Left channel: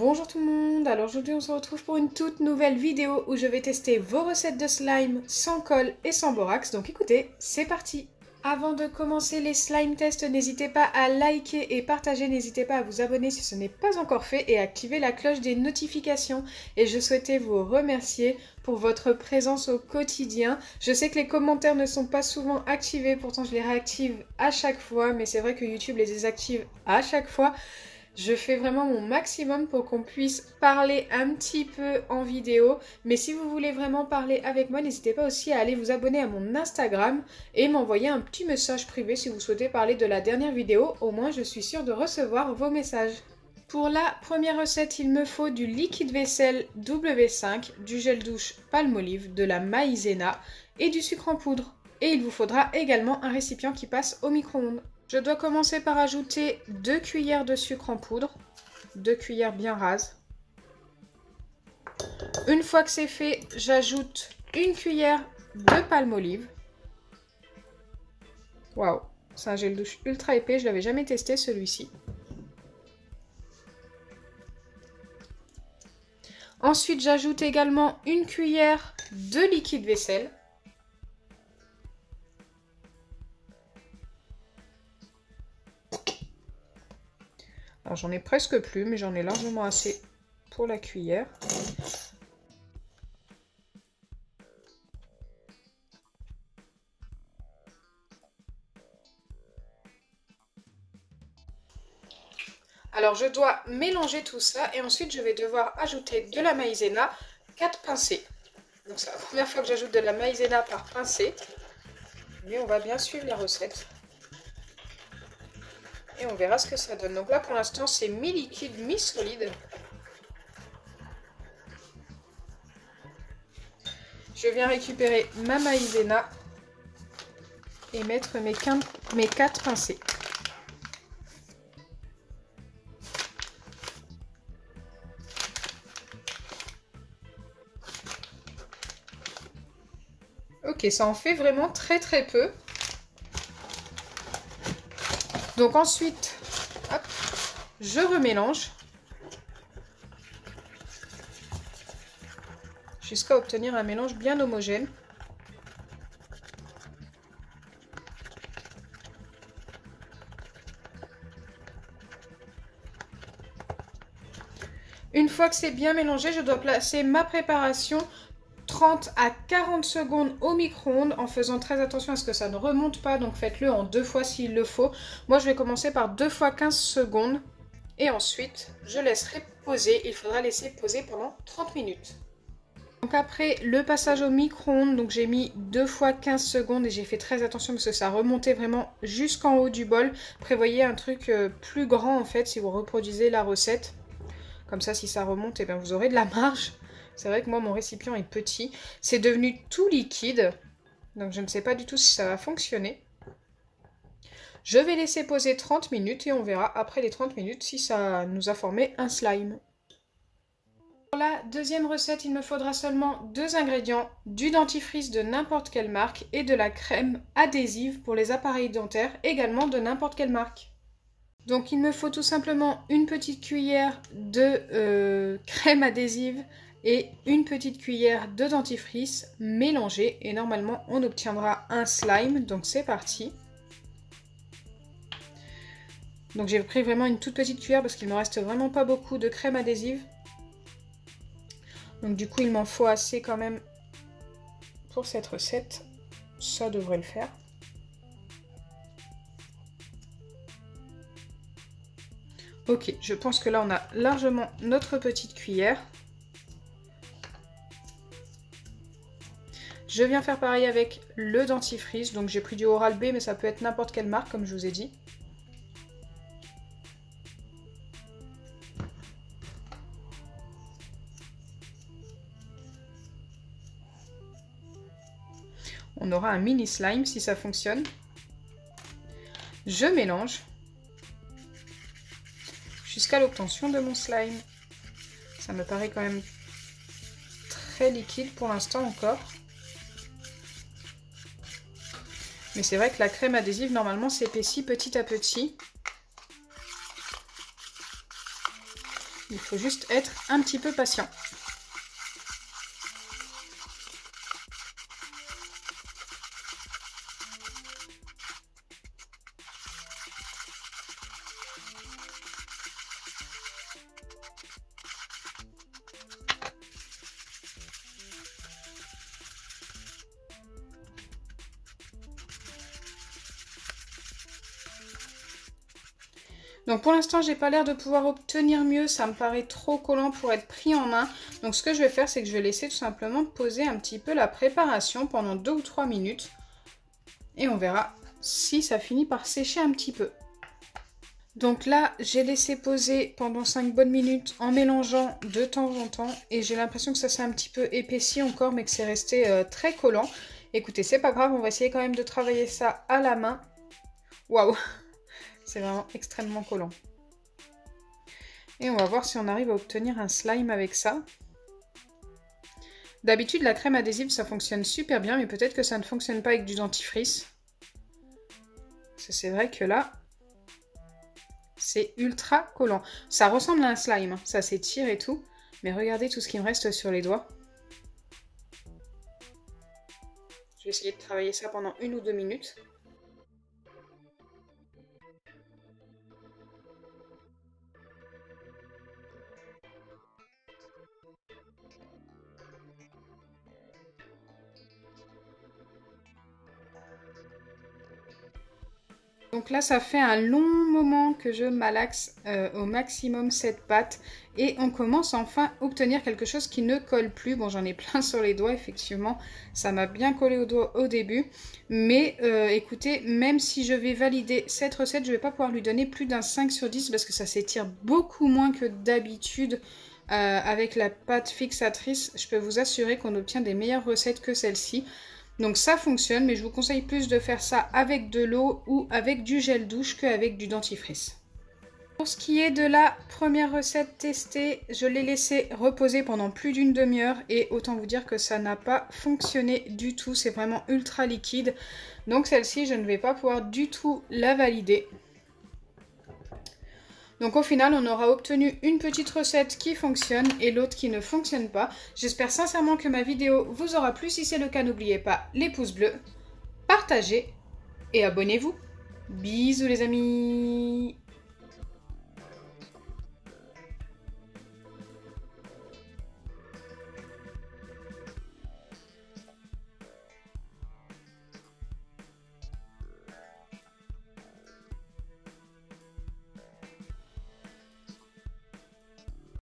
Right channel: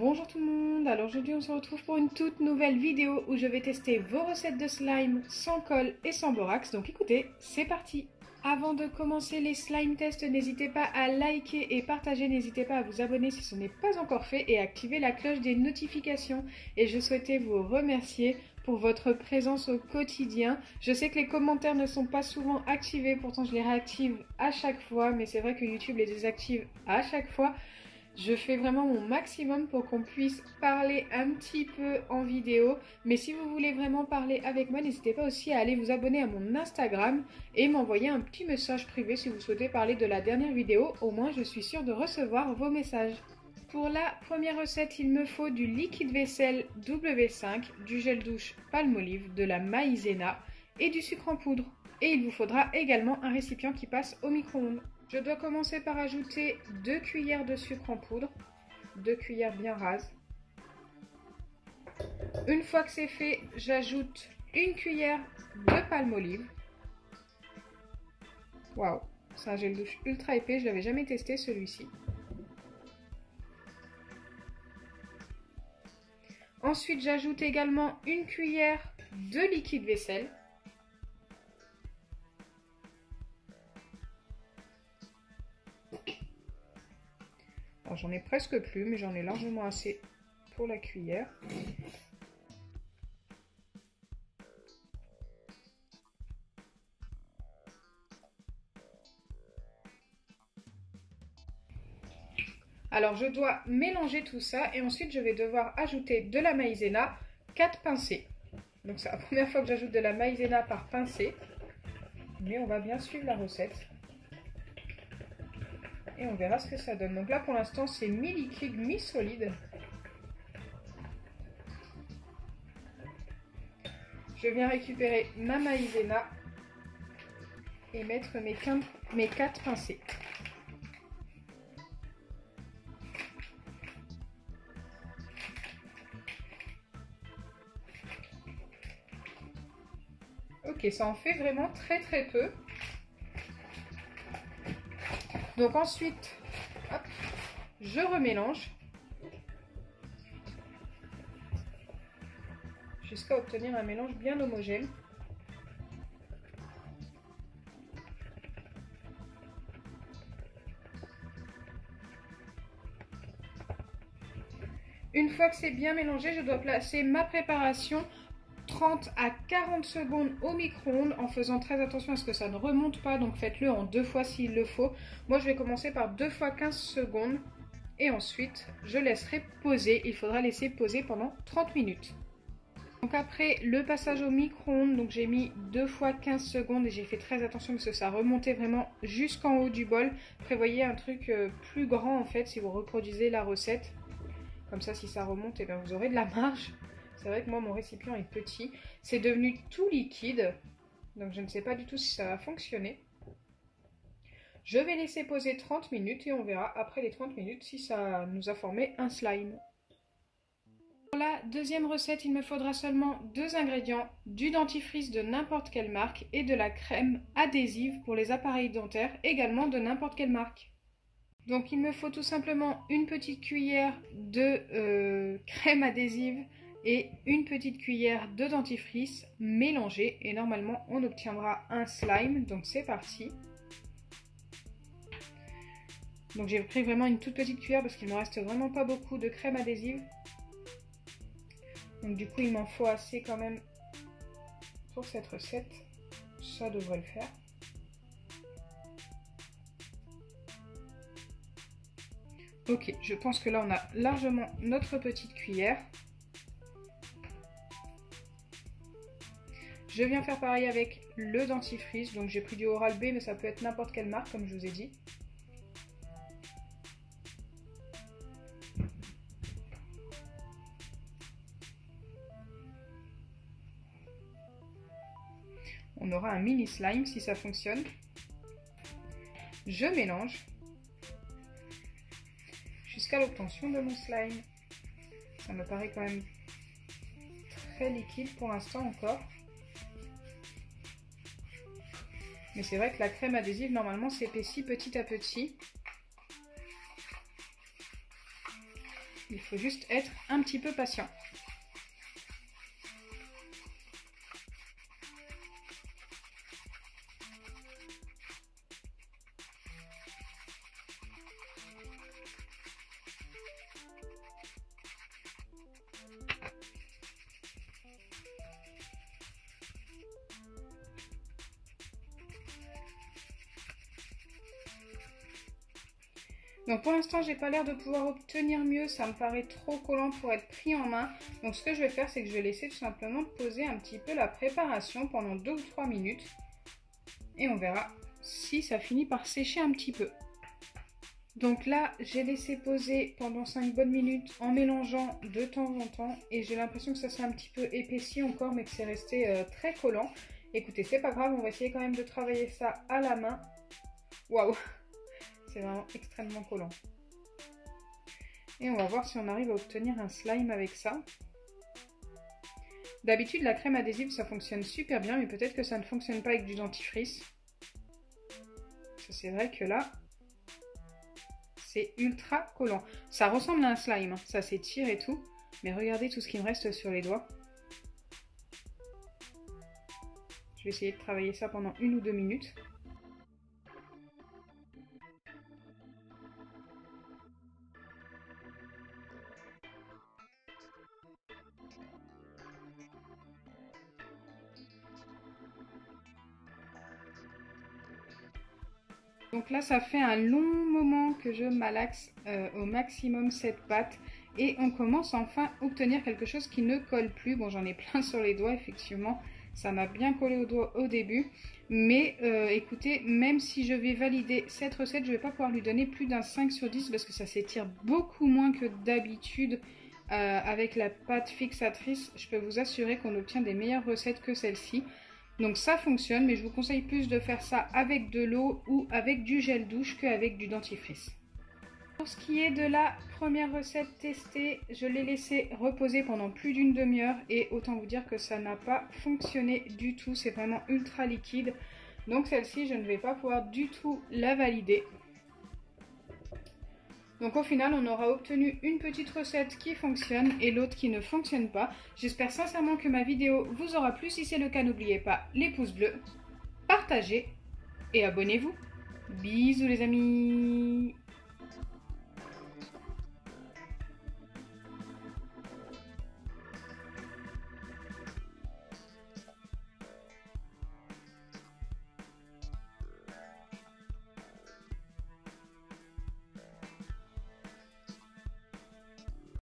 Bonjour tout le monde, alors aujourd'hui on se retrouve pour une toute nouvelle vidéo où je vais tester vos recettes de slime sans colle et sans borax, donc écoutez, c'est parti. Avant de commencer les slime tests, n'hésitez pas à liker et partager, n'hésitez pas à vous abonner si ce n'est pas encore fait et à activer la cloche des notifications. Et je souhaitais vous remercier pour votre présence au quotidien. Je sais que les commentaires ne sont pas souvent activés, pourtant je les réactive à chaque fois, mais c'est vrai que YouTube les désactive à chaque fois. Je fais vraiment mon maximum pour qu'on puisse parler un petit peu en vidéo. Mais si vous voulez vraiment parler avec moi, n'hésitez pas aussi à aller vous abonner à mon Instagram et m'envoyer un petit message privé si vous souhaitez parler de la dernière vidéo. Au moins, je suis sûre de recevoir vos messages. Pour la première recette, il me faut du liquide vaisselle W5, du gel douche Palmolive, de la maïzena et du sucre en poudre. Et il vous faudra également un récipient qui passe au micro-ondes. Je dois commencer par ajouter 2 cuillères de sucre en poudre, 2 cuillères bien rases. Une fois que c'est fait, j'ajoute une cuillère de Palmolive. Waouh, c'est un gel douche ultra épais, je ne l'avais jamais testé celui-ci. Ensuite, j'ajoute également une cuillère de liquide vaisselle. Alors j'en ai presque plus, mais j'en ai largement assez pour la cuillère. Alors je dois mélanger tout ça et ensuite je vais devoir ajouter de la maïzena, 4 pincées. Donc c'est la première fois que j'ajoute de la maïzena par pincée, mais on va bien suivre la recette. Et on verra ce que ça donne. Donc là pour l'instant c'est mi-liquide, mi-solide. Je viens récupérer ma maïzena et mettre mes 4 pincées. Ok, ça en fait vraiment très peu. Donc ensuite, hop, je remélange jusqu'à obtenir un mélange bien homogène. Une fois que c'est bien mélangé, je dois placer ma préparation 30 à 40 secondes au micro-ondes en faisant très attention à ce que ça ne remonte pas, donc faites-le en 2 fois s'il le faut. Moi je vais commencer par 2 fois 15 secondes et ensuite je laisserai poser. Il faudra laisser poser pendant 30 minutes. Donc après le passage au micro-ondes, donc j'ai mis 2 fois 15 secondes et j'ai fait très attention parce que ça remontait vraiment jusqu'en haut du bol. Prévoyez un truc plus grand en fait si vous reproduisez la recette. Comme ça si ça remonte, et bien, vous aurez de la marge. C'est vrai que moi, mon récipient est petit. C'est devenu tout liquide. Donc, je ne sais pas du tout si ça va fonctionner. Je vais laisser poser 30 minutes et on verra après les 30 minutes si ça nous a formé un slime. Pour la deuxième recette, il me faudra seulement 2 ingrédients. Du dentifrice de n'importe quelle marque et de la crème adhésive pour les appareils dentaires, également de n'importe quelle marque. Donc, il me faut tout simplement une petite cuillère de crème adhésive et une petite cuillère de dentifrice mélangée et normalement on obtiendra un slime. Donc c'est parti. Donc j'ai pris vraiment une toute petite cuillère parce qu'il ne me reste vraiment pas beaucoup de crème adhésive. Donc du coup il m'en faut assez quand même pour cette recette. Ça devrait le faire. Ok, je pense que là on a largement notre petite cuillère. Je viens faire pareil avec le dentifrice, donc j'ai pris du Oral-B, mais ça peut être n'importe quelle marque, comme je vous ai dit. On aura un mini slime si ça fonctionne. Je mélange jusqu'à l'obtention de mon slime. Ça me paraît quand même très liquide pour l'instant encore. Mais c'est vrai que la crème adhésive, normalement, s'épaissit petit à petit. Il faut juste être un petit peu patient. Donc pour l'instant, j'ai pas l'air de pouvoir obtenir mieux, ça me paraît trop collant pour être pris en main. Donc ce que je vais faire, c'est que je vais laisser tout simplement poser un petit peu la préparation pendant 2 ou 3 minutes. Et on verra si ça finit par sécher un petit peu. Donc là, j'ai laissé poser pendant 5 bonnes minutes en mélangeant de temps en temps. Et j'ai l'impression que ça s'est un petit peu épaissi encore, mais que c'est resté très collant. Écoutez, c'est pas grave, on va essayer quand même de travailler ça à la main. Waouh! C'est vraiment extrêmement collant. Et on va voir si on arrive à obtenir un slime avec ça. D'habitude, la crème adhésive, ça fonctionne super bien, mais peut-être que ça ne fonctionne pas avec du dentifrice. C'est vrai que là, c'est ultra collant. Ça ressemble à un slime, hein. Ça s'étire et tout. Mais regardez tout ce qui me reste sur les doigts. Je vais essayer de travailler ça pendant 1 ou 2 minutes. Donc là, ça fait un long moment que je malaxe au maximum cette pâte. Et on commence enfin à obtenir quelque chose qui ne colle plus. Bon, j'en ai plein sur les doigts, effectivement. Ça m'a bien collé aux doigts au début. Mais écoutez, même si je vais valider cette recette, je ne vais pas pouvoir lui donner plus d'un 5 sur 10 parce que ça s'étire beaucoup moins que d'habitude. Avec la pâte fixatrice, je peux vous assurer qu'on obtient des meilleures recettes que celle-ci. Donc ça fonctionne, mais je vous conseille plus de faire ça avec de l'eau ou avec du gel douche qu'avec du dentifrice. Pour ce qui est de la première recette testée, je l'ai laissée reposer pendant plus d'une demi-heure et autant vous dire que ça n'a pas fonctionné du tout, c'est vraiment ultra liquide. Donc celle-ci, je ne vais pas pouvoir du tout la valider. Donc au final, on aura obtenu une petite recette qui fonctionne et l'autre qui ne fonctionne pas. J'espère sincèrement que ma vidéo vous aura plu. Si c'est le cas, n'oubliez pas les pouces bleus, partagez et abonnez-vous. Bisous les amis!